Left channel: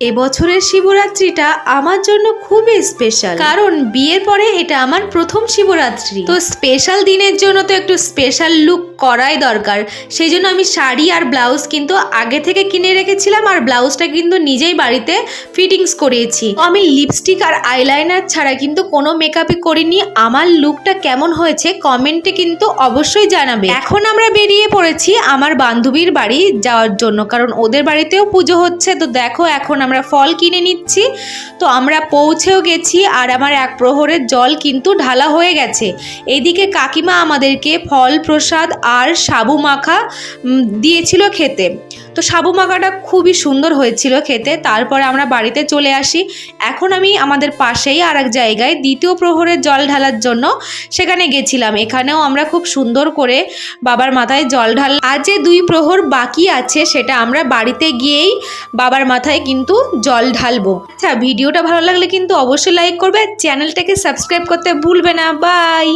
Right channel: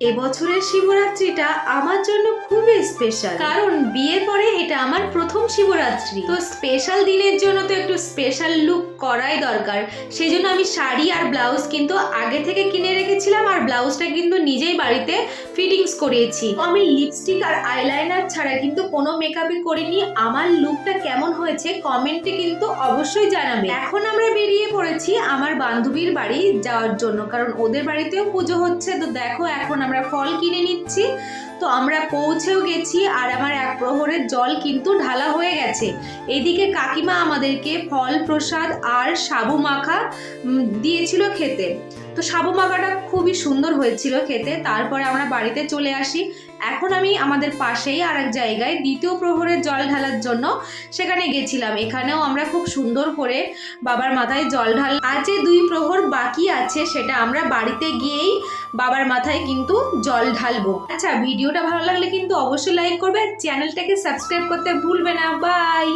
এবছরের শিবরাত্রিটা আমার জন্য খুবই স্পেশাল, কারণ বিয়ের পরে এটা আমার প্রথম শিবরাত্রি। তো স্পেশাল দিনের জন্য তো একটু স্পেশাল লুক করাই দরকার। সেই জন্য আমি শাড়ি আর ব্লাউজ কিন্তু আগে থেকে কিনে রেখেছিলাম, আর ব্লাউজটা কিন্তু নিজেই বাড়িতে ফিটিংস করিয়েছি। আমি লিপস্টিক আর আইলাইনার ছাড়া কিন্তু কোনো মেকআপই করিনি। আমার লুকটা কেমন হয়েছে কমেন্টে কিন্তু অবশ্যই জানাবে। এখন আমরা বেরিয়ে পড়েছি আমার বান্ধবীর বাড়ি যাওয়ার জন্য, কারণ ওদের বাড়িতেও পুজো হচ্ছে। তো দেখো এখন আমরা ফল কিনে নিচ্ছি। তো আমরা পৌঁছেও গেছি, আর আমার এক প্রহরের জল কিন্তু ঢালা হয়ে গেছে। এইদিকে কাকিমা আমাদেরকে ফল প্রসাদ আর সাবু মাখা দিয়েছিল খেতে। তো সাবু মাখাটা খুবই সুন্দর হয়েছিল খেতে। তারপরে আমরা বাড়িতে চলে আসি। এখন আমি আমাদের পাশেই আর এক জায়গায় দ্বিতীয় প্রহরের জল ঢালার জন্য সেখানে গেছিলাম। এখানেও আমরা খুব সুন্দর করে বাবার মাথায় জল ঢাল। আর যে 2 প্রহর বাকি আছে সেটা আমরা বাড়িতে গিয়েই বাবার মাথায় কিন্তু জল ঢালবো। আচ্ছা, ভিডিওটা ভালো লাগলে কিন্তু অবশ্যই লাইক করবে, চ্যানেলটাকে সাবস্ক্রাইব করতে ভুলবে না। বাই।